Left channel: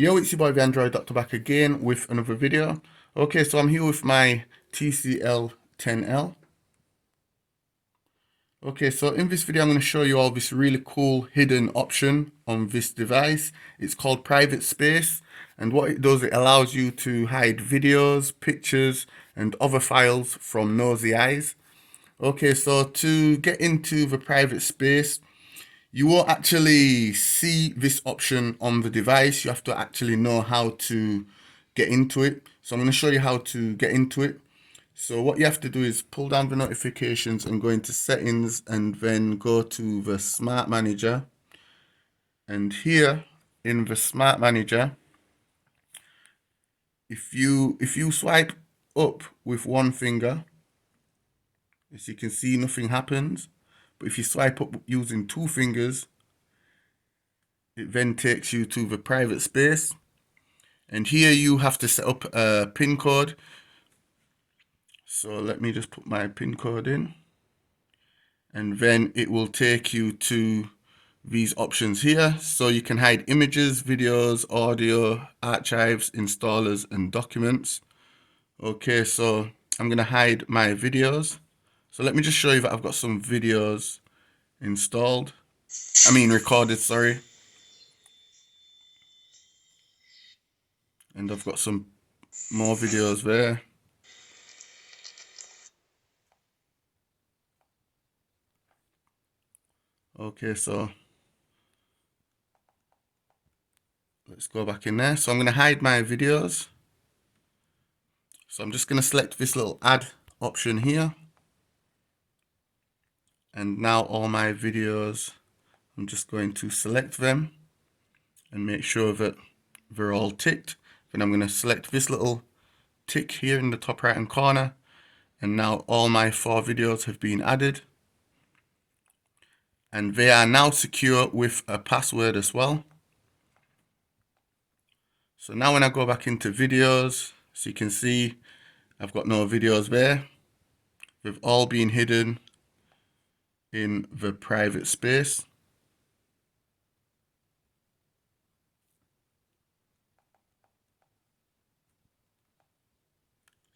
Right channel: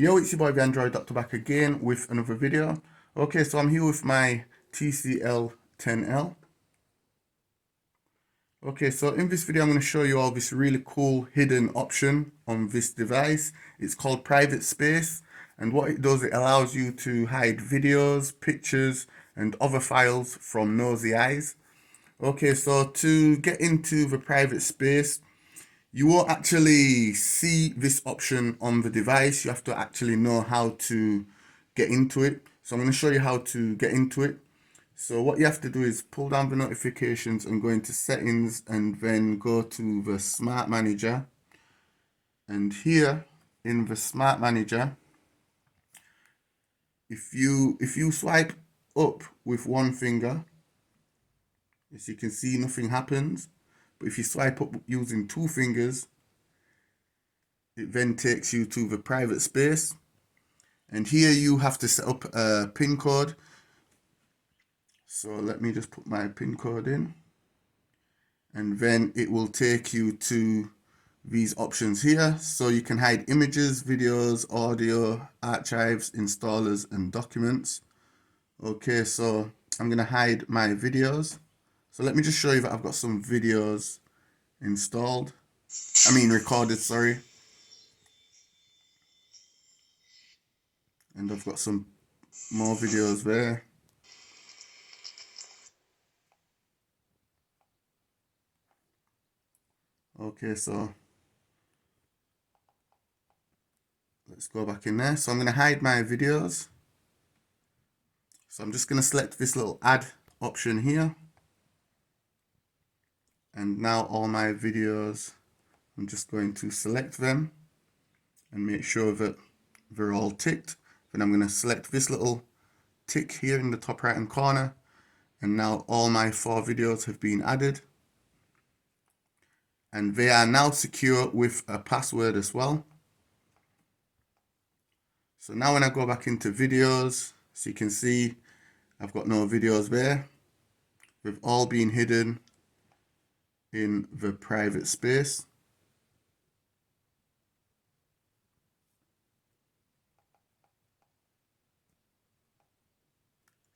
Yo, it's your boy the Android Doctor back again with another video. Okay, so I'm here with my TCL 10L. Okay, so in this video I'm going to show you all this really cool hidden option on this device. It's called private space, and what it does, it allows you to hide videos, pictures and other files from nosy eyes. Okay, so to get into the private space, you won't actually see this option on the device. You have to actually know how to get into it. So I'm going to show you how to get into it. So what you have to do is pull down the notifications and go into settings and then go to the smart manager. And here in the smart manager, if you swipe up with one finger, as you can see, nothing happens. But if you swipe up using two fingers, it then takes you to the private space. And here you have to set up a PIN code. So let me just put my PIN code in. And then it will take you to these options here. So you can hide images, videos, audio, archives, installers, and documents. Okay, so I'm going to hide my videos. So let me just show you that I've got some videos recorded, sorry. And I've got some more videos there. Okay, so let's go back in there. So I'm going to hide my videos. So I'm just going to select this little add option here. And now all my videos, I'm just going to select them and make sure that they're all ticked. Then I'm going to select this little tick here in the top right hand corner. And now all my 4 videos have been added. And they are now secure with a password as well. So now when I go back into videos, so you can see I've got no videos there. They've all been hidden in the private space.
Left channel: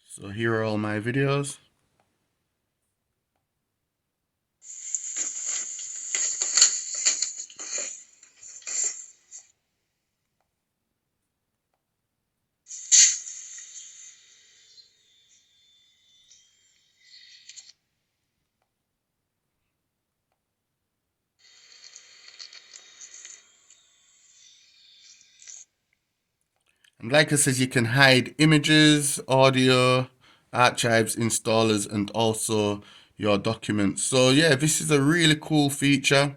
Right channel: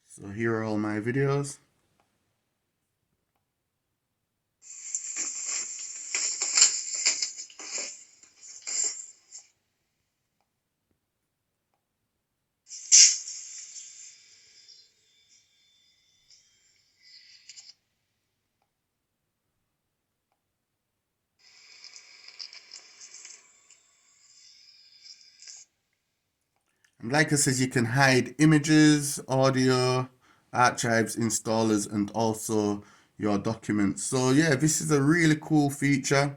So here are all my videos. And like I said, you can hide images, audio, archives, installers, and also your documents. So yeah, this is a really cool feature.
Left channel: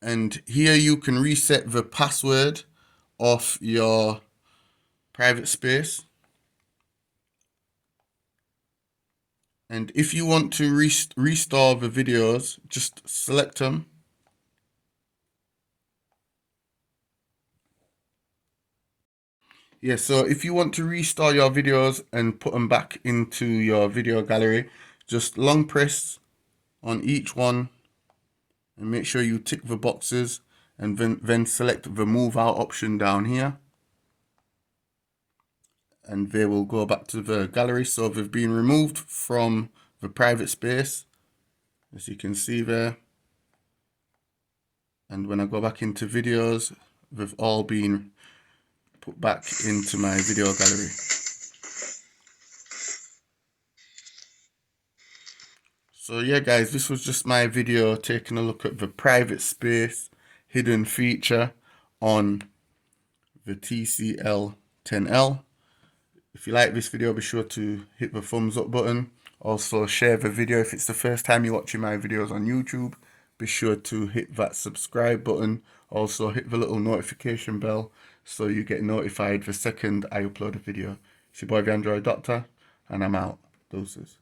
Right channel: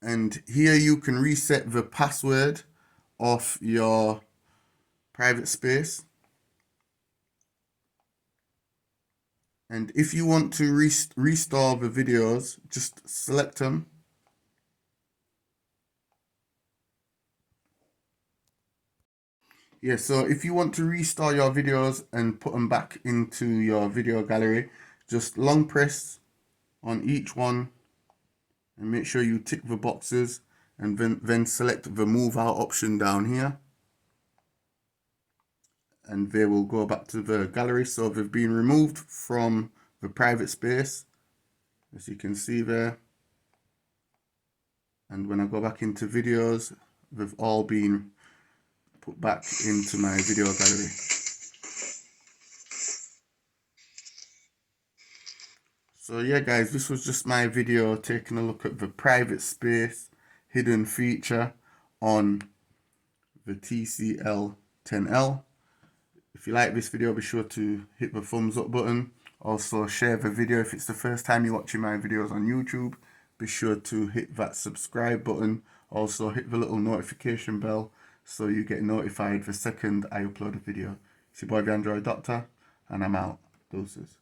And here you can reset the password of your private space. And if you want to restore the videos, just select them. Yeah, so if you want to restore your videos and put them back into your video gallery, just long press on each one and make sure you tick the boxes and then select the move out option down here. And they will go back to the gallery. So they've been removed from the private space, as you can see there. And when I go back into videos, they've all been put back into my video gallery. So yeah guys, this was just my video taking a look at the private space hidden feature on the TCL 10L. If you like this video, be sure to hit the thumbs up button. Also share the video. If it's the first time you're watching my videos on YouTube, be sure to hit that subscribe button. Also hit the little notification bell so you get notified the second I upload a video. It's your boy the Android Doctor, and I'm out. Deuces.